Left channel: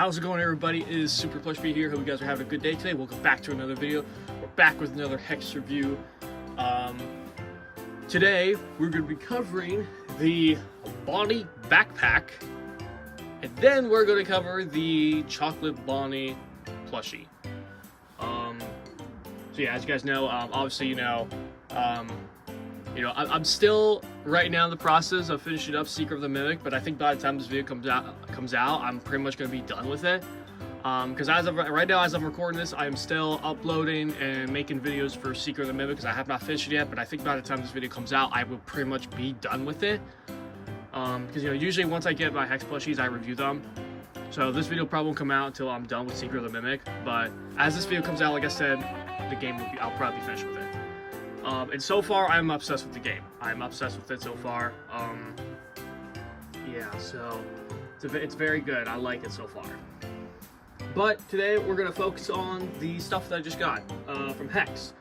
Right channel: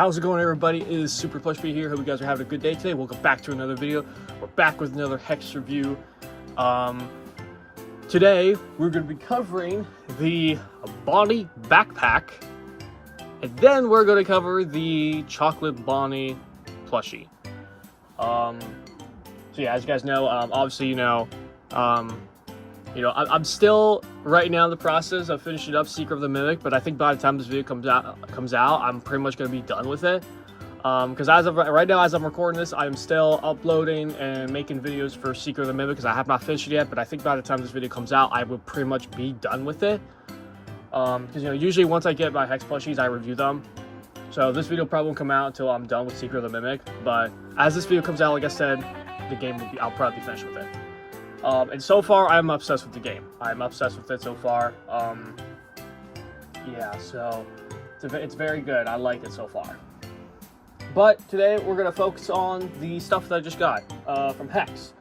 How's it going, everybody? It is Super Plush here. Hope you guys are having a good day today. Welcome back to another video. We're back with another Hex review. Today we're going to be covering the Bonnie Backpack, and then we're going to cover the Chocolate Bonnie plushie. So yeah, as you guys know, obviously I'm still right now in the process of finishing up Secret of the Mimic, but I think by the time this video comes out, I'm pretty much going to be done with it. Because as of right now, as I'm recording this, I'm still uploading and making videos for Secret of the Mimic because I have not finished it yet. But I think by the time this video comes out, I will pretty much be done with it. Because usually once I get my Hex plushies, I review them. So this video probably won't come out until I'm done with Secret of the Mimic. But as this video comes out, like I said, the game will be, I'll probably be finished with it. And so far, I'm obsessed with the game. I'm obsessed with it so far. Yeah, so it's very good. I like it so far. But today, we're going to focus on the stuff that I just got from Hex.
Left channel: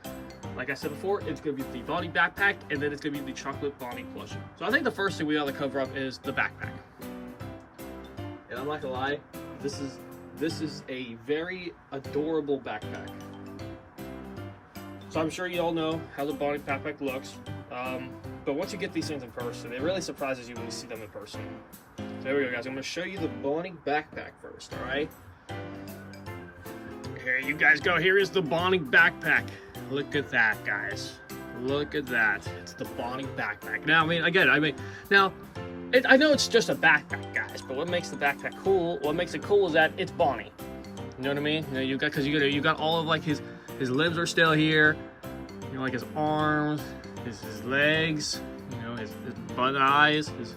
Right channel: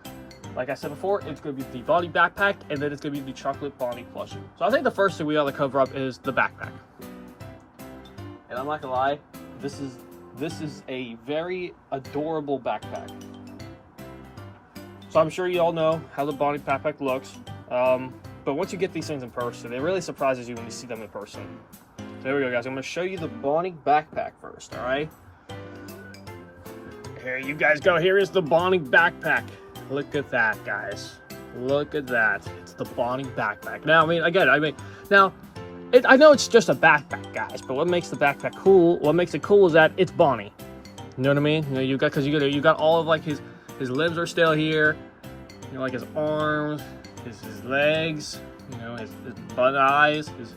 Like I said before, it's going to be the Bonnie Backpack, and then it's going to be the Chocolate Bonnie plushie. So I think the first thing we ought to cover up is the backpack. And I'm not going to lie, this is a very adorable backpack. So I'm sure you all know how the Bonnie Backpack looks, but once you get these things in person, it really surprises you when you see them in person. So there we go, guys. I'm going to show you the Bonnie Backpack first, all right? Here you guys go. Here is the Bonnie Backpack. Look at that, guys. Look at that. It's the Bonnie Backpack. Now, I know it's just a backpack, guys, but what makes the backpack cool? What makes it cool is that it's Bonnie. You know what I mean? You got all of like his limbs are still here, like his arms, his legs, his butt eyes, his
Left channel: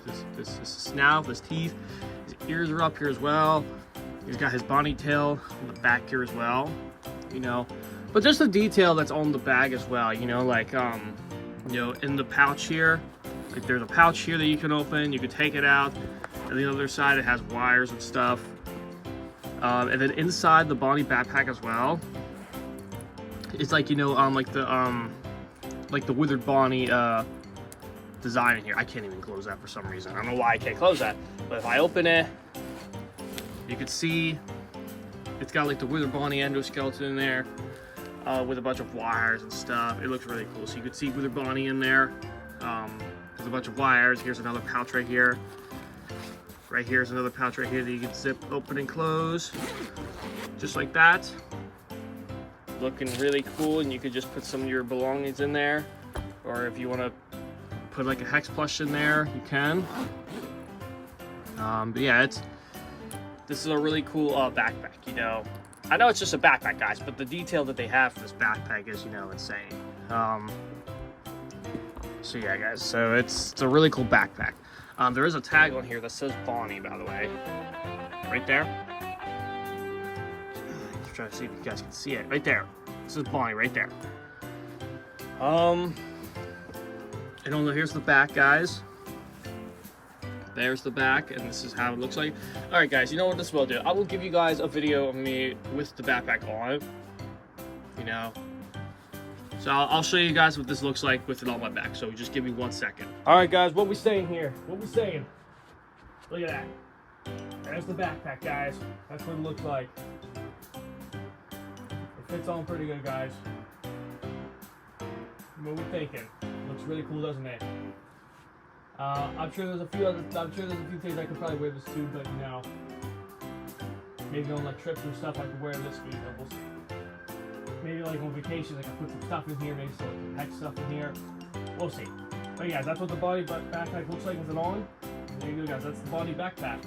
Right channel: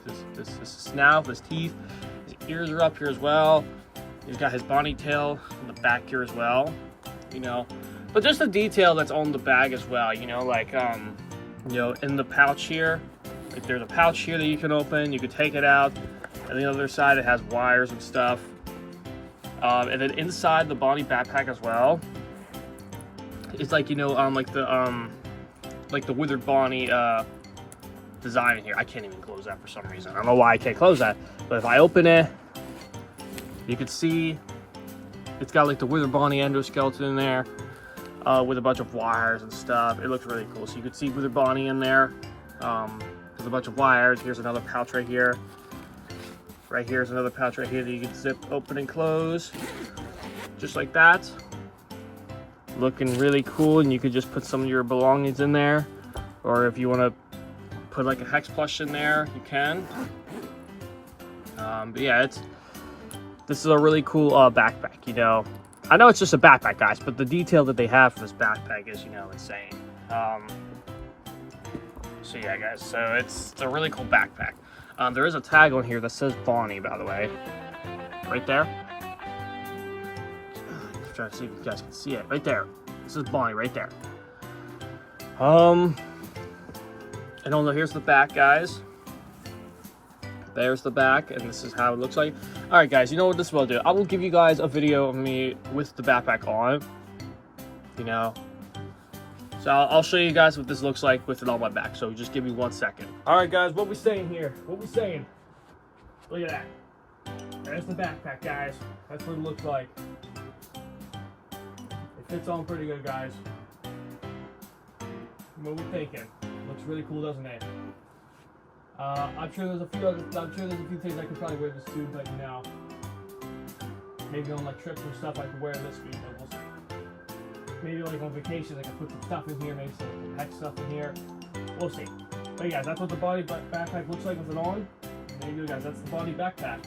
snout, his teeth, his ears are up here as well. He's got his Bonnie tail on the back here as well, But just the detail that's on the bag as well, in the pouch here, like there's a pouch here that you can open, you can take it out, and the other side it has wires and stuff. And then inside the Bonnie Backpack as well, it's like like the Withered Bonnie design in here. I can't even close that for some reason. I don't know why I can't close that, but if I open it, you can see it's got like the Withered Bonnie endoskeleton in there with a bunch of wires and stuff. It looks really cool. So you can see Withered Bonnie in there. There's a bunch of wires. Here's another pouch right here. Right here's another pouch right here that you can zip open and close, just like that. Looking really cool, and you could just put some of your belongings in there, or if you want to put like a Hex plush in there, you can. But yeah, this is a really cool backpack. I know it's just a backpack, guys, but the detail that they have for this backpack is insane. So yeah, guys, so it's a really cool backpack. There is a tag on here that says Bonnie, by the way, right there. Let's try to see if you guys can see it. Right there. This is Bonnie right there. And here's the back, guys. There's the back, and this is how it looks like. All right, guys, you know what this will do? I will give you guys a video of me with the backpack on. So I'll show you guys what this looks like with it on my back. So just give me 1 second. All right, guys, what we saying here? What we saying? Look at that. There's the backpack, guys. That's what it looks like. It fits on pretty good, guys. What we thinking? Looks really cool, doesn't it? I'm sure there's a few things I could probably wear this to, but maybe on like trips and stuff I could wear this week. We'll see. Maybe like on vacations I can put some stuff in here, maybe some Hex stuff in here. We'll see. But yeah, that's what the Bonnie Backpack looks like with it on. There you go, guys. That's the Bonnie Backpack.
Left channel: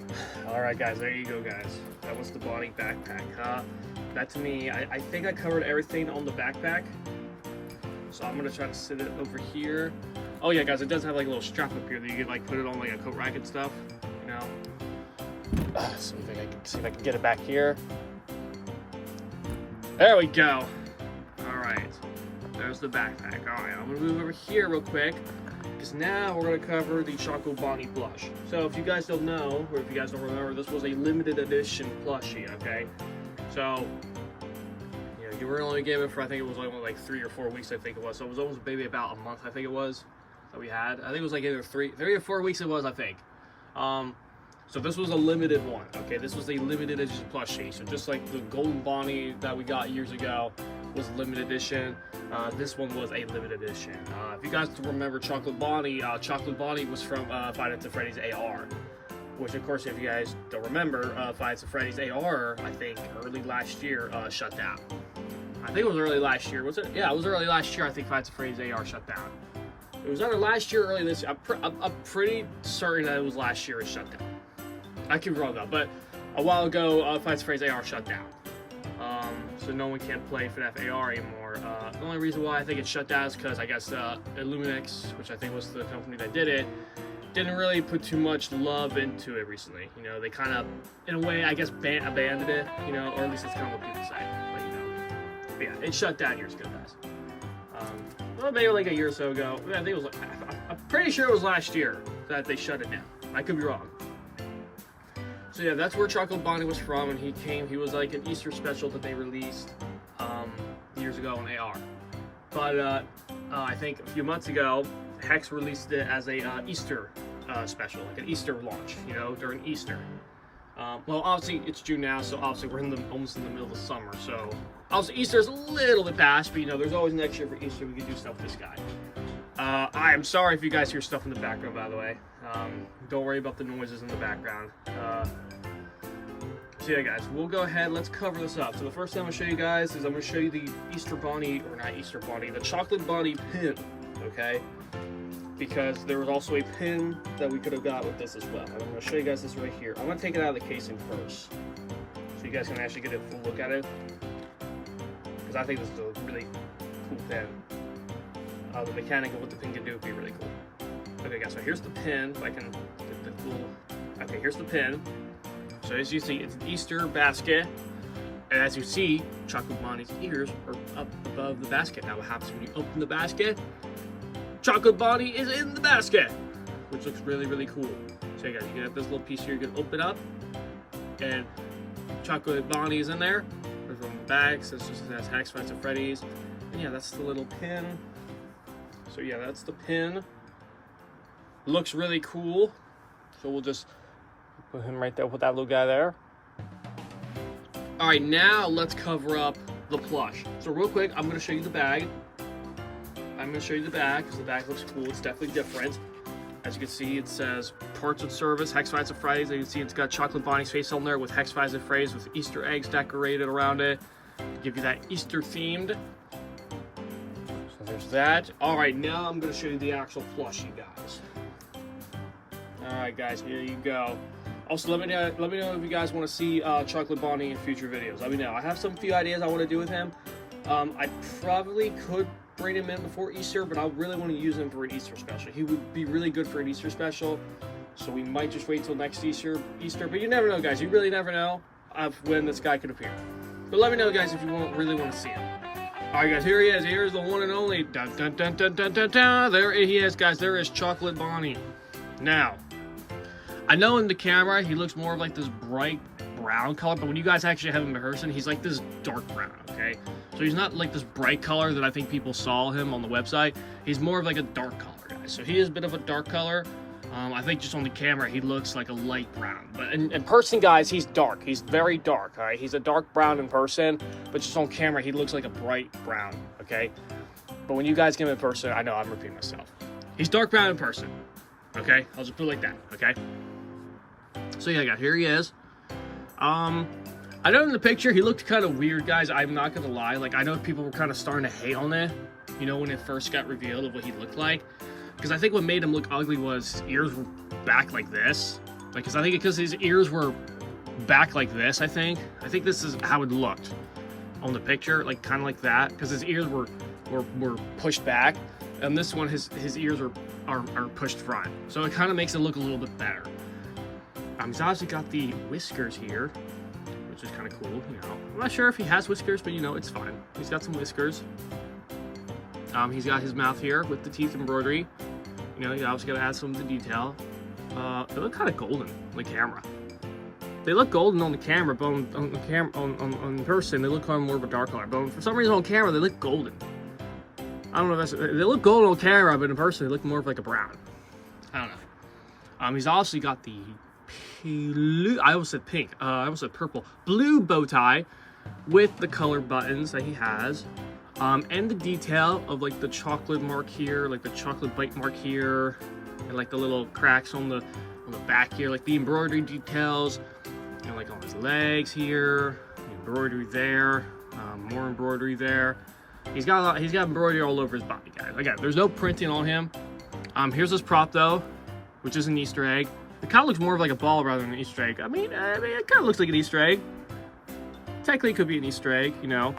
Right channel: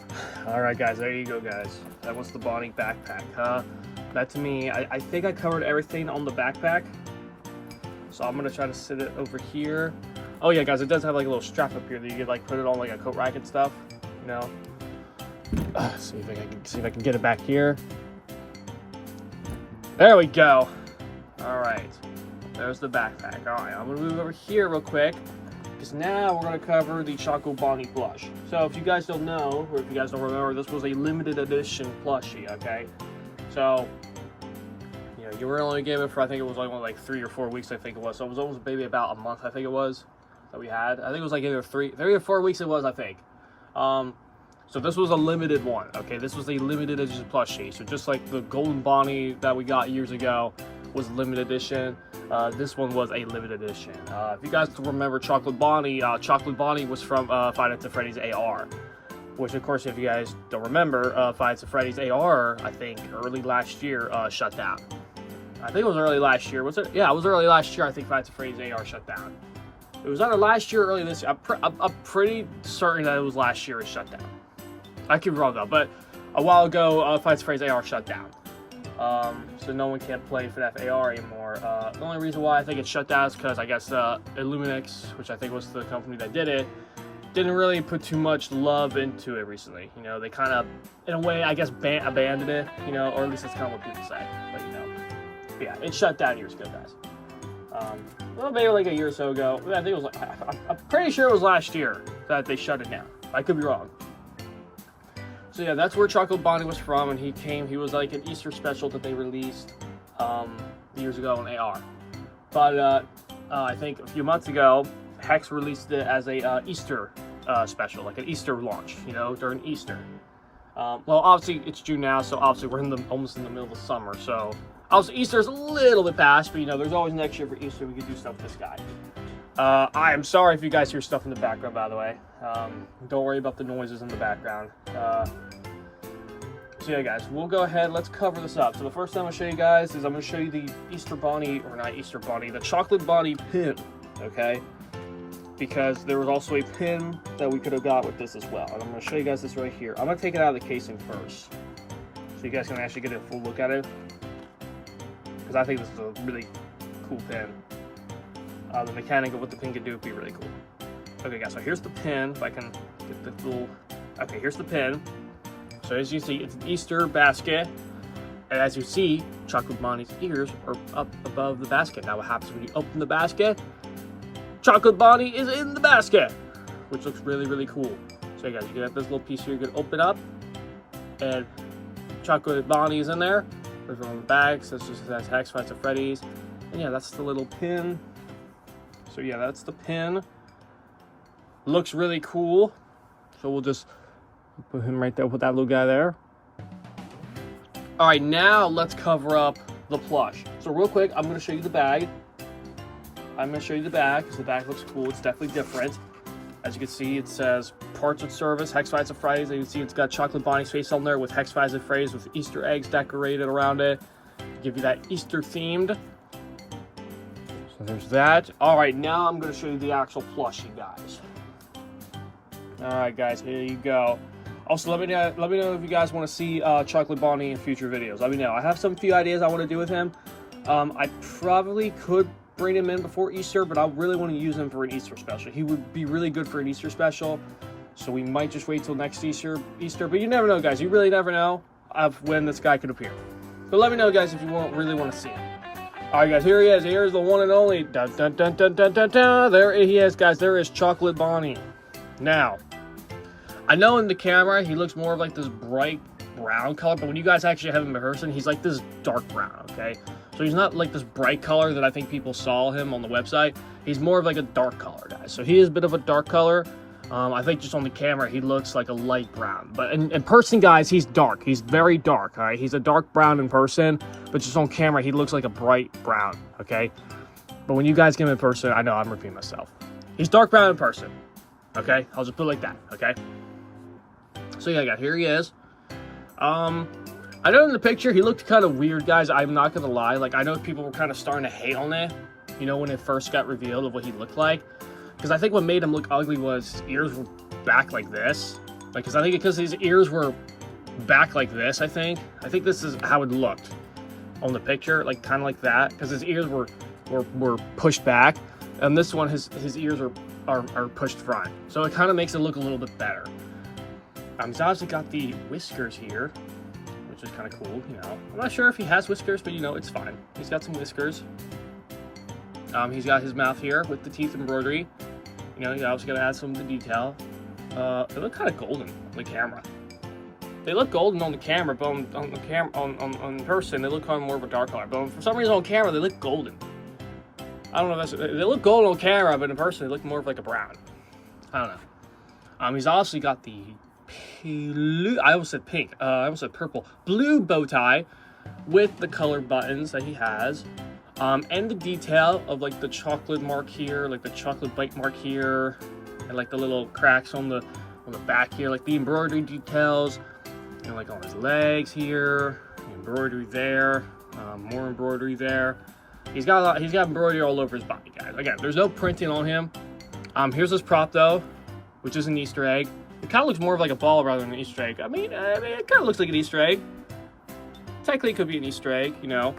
All right, guys. There you go, guys. That was the Bonnie Backpack. That to me, I think I covered everything on the backpack. So I'm gonna try to sit it over here. Oh yeah, guys, it does have like a little strap up here that you could like put it on like a coat rack and stuff. See if I can get it back here. There we go. All right, there's the backpack. All right, I'm gonna move over here real quick because now we're gonna cover the Chocolate Bonnie plush. So if you guys don't know, or if you guys don't remember, this was a limited edition plushie. Okay, so you were only given for, I think it was only like 3 or 4 weeks. I think it was. So it was almost maybe about a month. I think it was that we had. I think it was like either 3 or 4 weeks. It was, I think. So this was a limited one, okay? This was a limited edition plushie. So just like the Golden Bonnie that we got years ago was limited edition, this one was a limited edition. If you guys can remember Chocolate Bonnie was from Five Nights at Freddy's AR. Which, of course, if you guys don't remember, Five Nights at Freddy's AR, I think, early last year, shut down. I think it was early last year. Was it? Yeah, it was early last year. I think Five Nights at Freddy's AR shut down. It was either last year or early this year. I'm pretty certain that it was last year it shut down. I could be wrong, though. But a while ago, Five Nights at Freddy's AR shut down. So no one can play FNaF AR anymore. The only reason why I think it shut down is because I guess Illuminix, which I think was the company that did it, didn't really put too much love into it recently. You know, they kind of, in a way, I guess, abandoned it, you know, or at least that's kind of what people say. But, you know, but yeah, it shut down years ago, guys. Well, maybe like a year or so ago. I think it was like, I'm pretty sure it was last year that they shut it down. I could be wrong. So yeah, that's where Chocolate Bonnie was from, and he was like an Easter special that they released years ago on AR. But I think a few months ago, Hex released it as a Easter special, like an Easter launch, you know, during Easter. Well, obviously it's June now, so obviously we're almost in the middle of the summer. So obviously Easter's a little bit past, but you know, there's always next year for Easter we can do stuff with this guy. I am sorry if you guys hear stuff in the background, by the way. Don't worry about the noises in the background. So yeah, guys, we'll go ahead. Let's cover this up. So the first thing I'm gonna show you guys is I'm gonna show you the Easter Bonnie, or not Easter Bonnie, the Chocolate Bonnie pin. Okay. Because there was also a pin that we could have got with this as well. And I'm going to show you guys this right here. I'm going to take it out of the casing first, so you guys can actually get a full look at it. Because I think this is a really cool pin. The mechanic of what the pin can do would be really cool. Okay, guys, so here's the pin. If I can get the little... Okay, here's the pin. So as you see, it's an Easter basket. And as you see, Chocolate Bonnie's ears are up above the basket. Now what happens when you open the basket? Chocolate Bonnie is in the basket, which looks really, really cool. So you guys, you have this little piece here, you can open up, and Chocolate Bonnie is in there. There's on the back, so it just says Hex, Five Nights at Freddy's. And yeah, that's the little pin. So yeah, that's the pin. Looks really cool. So we'll just put him right there, put that little guy there. All right, now let's cover up the plush. So real quick, I'm gonna show you the bag. I'm going to show you the bag because the bag looks cool. It's definitely different. As you can see, it says parts of service, Hex Five Nights at Freddy's. As you can see, it's got Chocolate Bonnie's face on there with Hex Five Nights at Freddy's with Easter eggs decorated around it to give you that Easter themed. So there's that. All right, now I'm going to show you the actual plushie, guys. All right, guys, here you go. Also, let me know if you guys want to see Chocolate Bonnie in future videos. Let me know. I have some few ideas I want to do with him. I probably could bring him in before Easter, but I really want to use him for an Easter special. He would be really good for an Easter special, so we might just wait till next Easter, but you never know, guys. You really never know of when this guy could appear. But let me know, guys, if you really want to see him. All right, guys, here he is. Here's the one and only. Dun, dun, dun, dun, dun, dun, dun. There he is, guys. There is Chocolate Bonnie. Now, I know in the camera he looks more of like this bright brown color, but when you guys actually have him in person, he's like this dark brown, okay? So he's not like this bright color that I think people saw him on the website. He's more of like a dark color, guys. So he is a bit of a dark color. I think just on the camera, he looks like a light brown. But in person, guys, he's dark. He's very dark, all right? He's a dark brown in person, but just on camera, he looks like a bright brown, okay? But when you guys get him in person, I know I'm repeating myself. He's dark brown in person, okay? I'll just put it like that, okay? So yeah, guys, here he is. I know in the picture he looked kind of weird, guys. I'm not gonna lie. Like, I know people were kind of starting to hate on it, you know, when it first got revealed of what he looked like. Because I think what made him look ugly was his ears were back like this. Like, because I think because his ears were back like this, I think this is how it looked on the picture, like kind of like that. Because his ears were pushed back, and this one his ears are pushed front. So it kind of makes it look a little bit better. He's obviously got the whiskers here, which is kind of cool, you know. I'm not sure if he has whiskers, but you know, it's fine. He's got some whiskers. He's got his mouth here with the teeth embroidery. You know, you obviously got to add some of the detail. They look kind of golden on the camera. They look golden on the camera, but on person, they look kind of more of a dark color. But for some reason on camera, they look golden. I don't know if that's... They look golden on camera, but in person, they look more of like a brown. I don't know. He's obviously got the blue, I almost said pink, I almost said purple, blue bow tie with the color buttons that he has. And the detail of like the chocolate mark here, like the chocolate bite mark here, and like the little cracks on the back here, like the embroidery details, you know, like on his legs here, embroidery there, more embroidery there. He's got embroidery all over his body, guys. Again, there's no printing on him. Here's his prop though, which is an Easter egg. It kind of looks more of like a ball rather than an Easter egg. I mean, it kind of looks like an Easter egg. Technically, it could be an Easter egg, you know.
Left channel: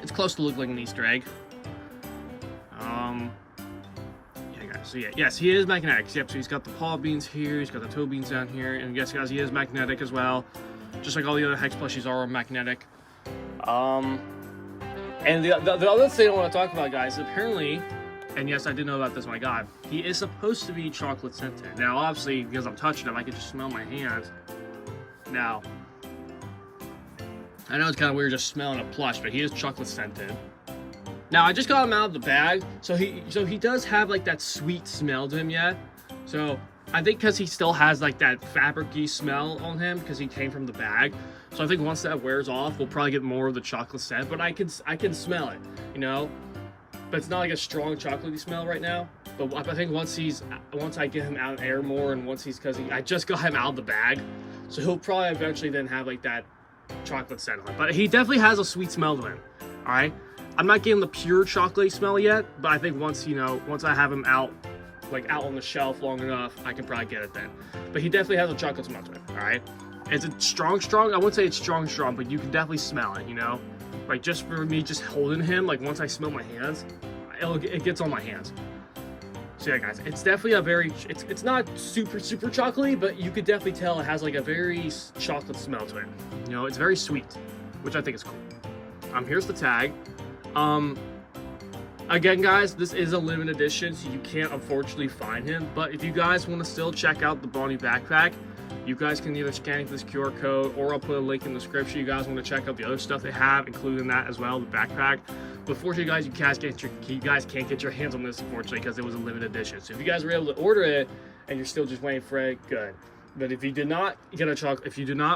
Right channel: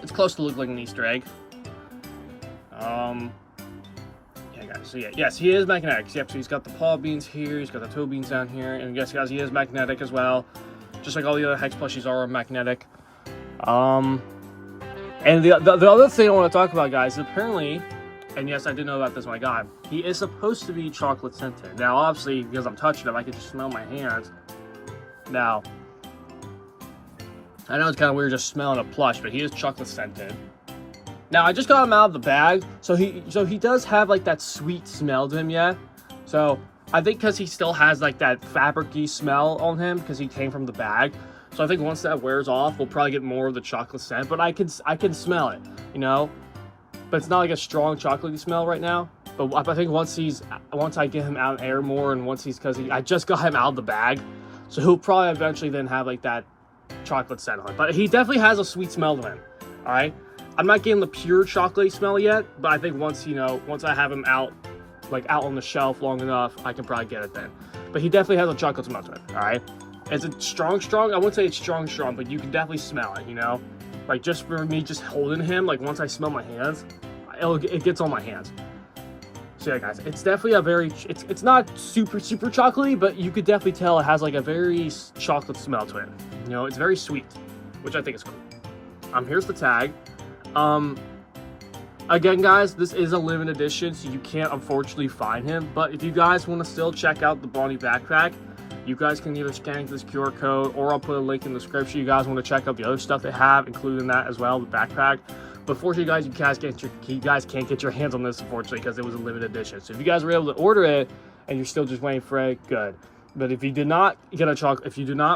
It's close to look like an Easter egg. Yeah, guys. So yeah, yes, he is magnetic. Yep. So he's got the paw beans here. He's got the toe beans down here, and yes, guys, he is magnetic as well, just like all the other Hex plushies are magnetic. And the other thing I want to talk about, guys, is apparently, and yes, I did know about this when I got him, he is supposed to be chocolate scented. Now, obviously, because I'm touching him, I can just smell my hands. Now, I know it's kind of weird just smelling a plush, but he is chocolate scented. Now, I just got him out of the bag, so he does have like that sweet smell to him yet. So I think because he still has like that fabric-y smell on him because he came from the bag. So I think once that wears off, we'll probably get more of the chocolate scent. But I can smell it, you know. But it's not like a strong chocolatey smell right now. But I think once I get him out in air more, and I just got him out of the bag, so he'll probably eventually then have like that chocolate scent on it. But he definitely has a sweet smell to him. All right, I'm not getting the pure chocolatey smell yet, but I think once I have him out on the shelf long enough, I can probably get it then. But he definitely has a chocolate smell to it. All right, is it strong? I wouldn't say it's strong, but you can definitely smell it. You know, like just for me, just holding him, like once I smell my hands, it gets on my hands. So yeah, guys, it's definitely it's not super chocolatey, but you could definitely tell it has like a very chocolate smell to it. You know, it's very sweet, which I think is cool. Here's the tag. Again, guys, this is a limited edition, so you can't unfortunately find him. But if you guys want to still check out the Bonnie Backpack, you guys can either scan this QR code, or I'll put a link in the description. You guys want to check out the other stuff they have, including that as well, the backpack. But fortunately, guys, you guys can't get your hands on this, unfortunately, because it was a limited edition. So if you guys were able to order it and you're still just waiting for it, good. But if you did not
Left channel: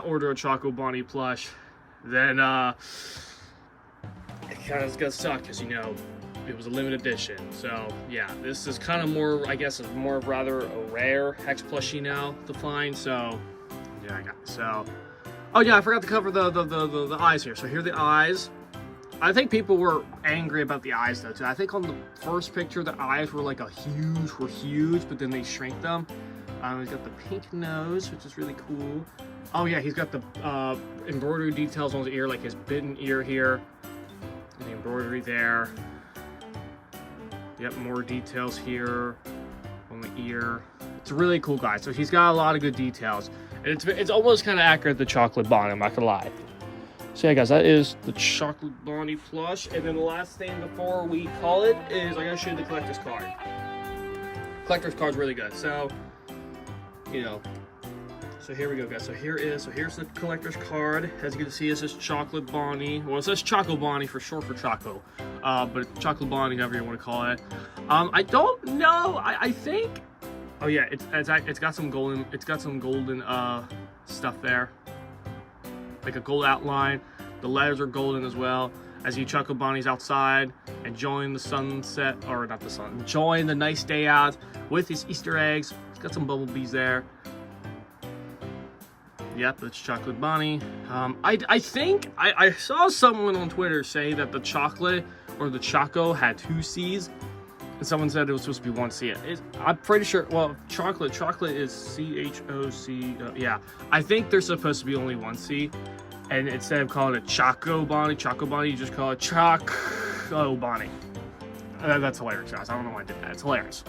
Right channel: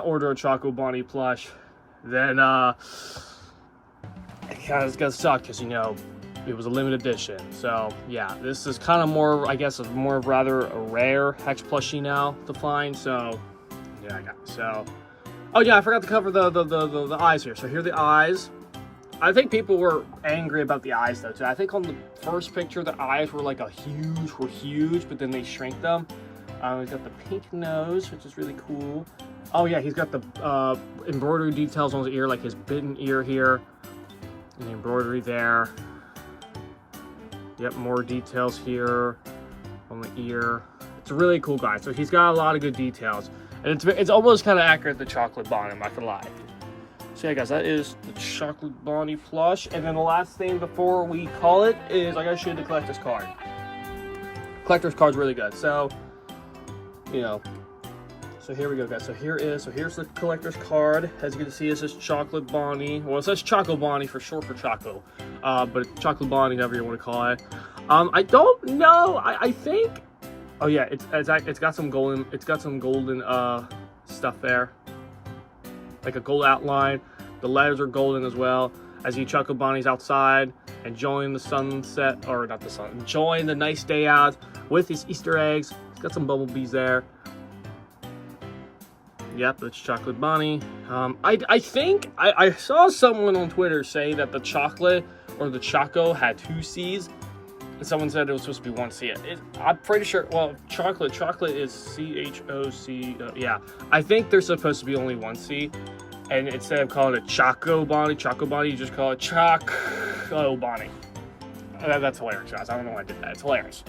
order a Choco Bonnie plush, then it kind of is gonna suck because, you know, it was a limited edition. So yeah, this is kind of more, I guess, more rather a rare Hex plushie now to find. So yeah, I got it. So, oh yeah, I forgot to cover the eyes here. So here are the eyes. I think people were angry about the eyes though too. I think on the first picture the eyes were like huge, but then they shrank them. He's got the pink nose, which is really cool. Oh yeah, he's got the embroidery details on his ear, like his bitten ear here, and the embroidery there. Yep, more details here on the ear. It's really cool, guys. So he's got a lot of good details, and it's almost kind of accurate to Chocolate Bonnie, I'm not gonna lie. So yeah, guys, that is the Chocolate Bonnie plush. And then the last thing before we call it is I gotta show you the collector's card. Collector's card's really good. So, you know, so here we go, guys. So here's the collector's card. As you can see, it says Chocolate Bonnie. Well, it says Choco Bonnie for short for Choco, but Chocolate Bonnie, however you want to call it. I don't know. I think. Oh yeah, it's got some golden. It's got some golden stuff there, like a gold outline. The letters are golden as well. As you Choco Bonnie's outside, enjoying the sunset, or not the sun, enjoying the nice day out with his Easter eggs. It's got some bumblebees there. Yep, that's Chocolate Bonnie. I think I saw someone on Twitter say that the chocolate or the Choco had 2 C's, and someone said it was supposed to be 1 C. I'm pretty sure. Well, chocolate is CHOC. Yeah, I think there's supposed to be only 1 C, and instead of calling it Choco Bonnie, you just call it Choco Bonnie. That's hilarious, guys. I don't know why I did that. It's hilarious.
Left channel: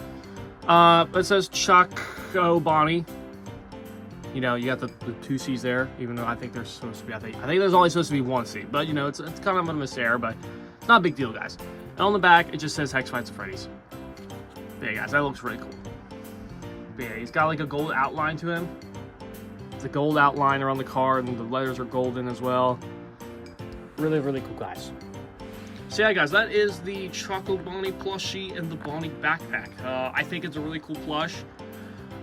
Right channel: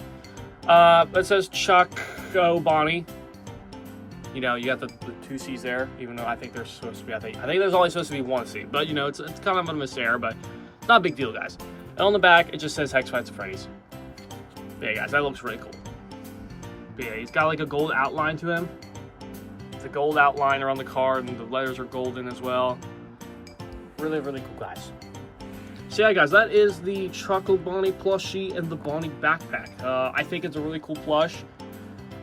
It says Choco Bonnie. You know, you got the 2 C's there, even though I think there's supposed to be, I think there's only supposed to be 1 C. But, you know, it's kind of a miserror, but it's not a big deal, guys. And on the back, it just says Hex Fights at Freddy's. But yeah, guys, that looks really cool. But yeah, he's got like a gold outline to him. It's a gold outline around the card, and the letters are golden as well. Really, really cool, guys. So yeah, guys, that is the Choco Bonnie plushie and the Bonnie Backpack. I think it's a really cool plush.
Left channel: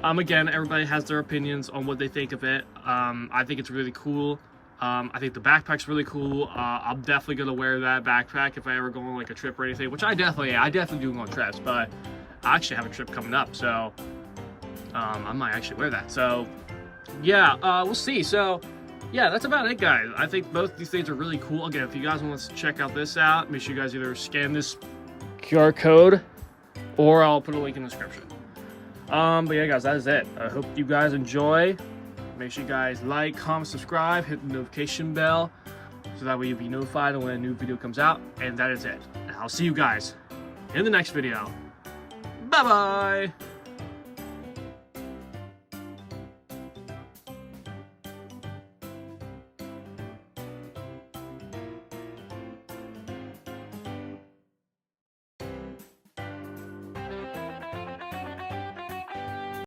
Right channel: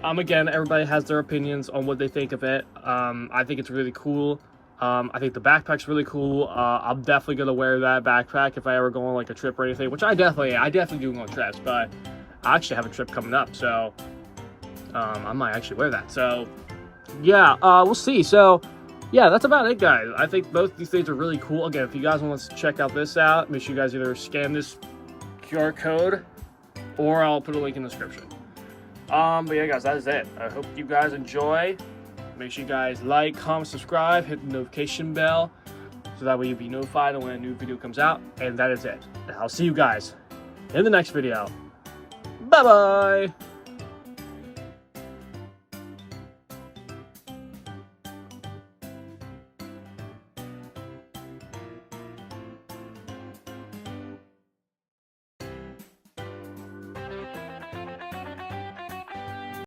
Again, everybody has their opinions on what they think of it. I think it's really cool. I think the backpack's really cool. I'm definitely gonna wear that backpack if I ever go on like a trip or anything, which I definitely do go on trips, but I actually have a trip coming up, so I might actually wear that. So yeah, we'll see. So yeah, that's about it, guys. I think both these things are really cool. Again, if you guys want to check out this out, make sure you guys either scan this QR code or I'll put a link in the description. But yeah, guys, that is it. I hope you guys enjoy. Make sure you guys like, comment, subscribe, hit the notification bell so that way you'll be notified when a new video comes out. And that is it. And I'll see you guys in the next video. Bye-bye!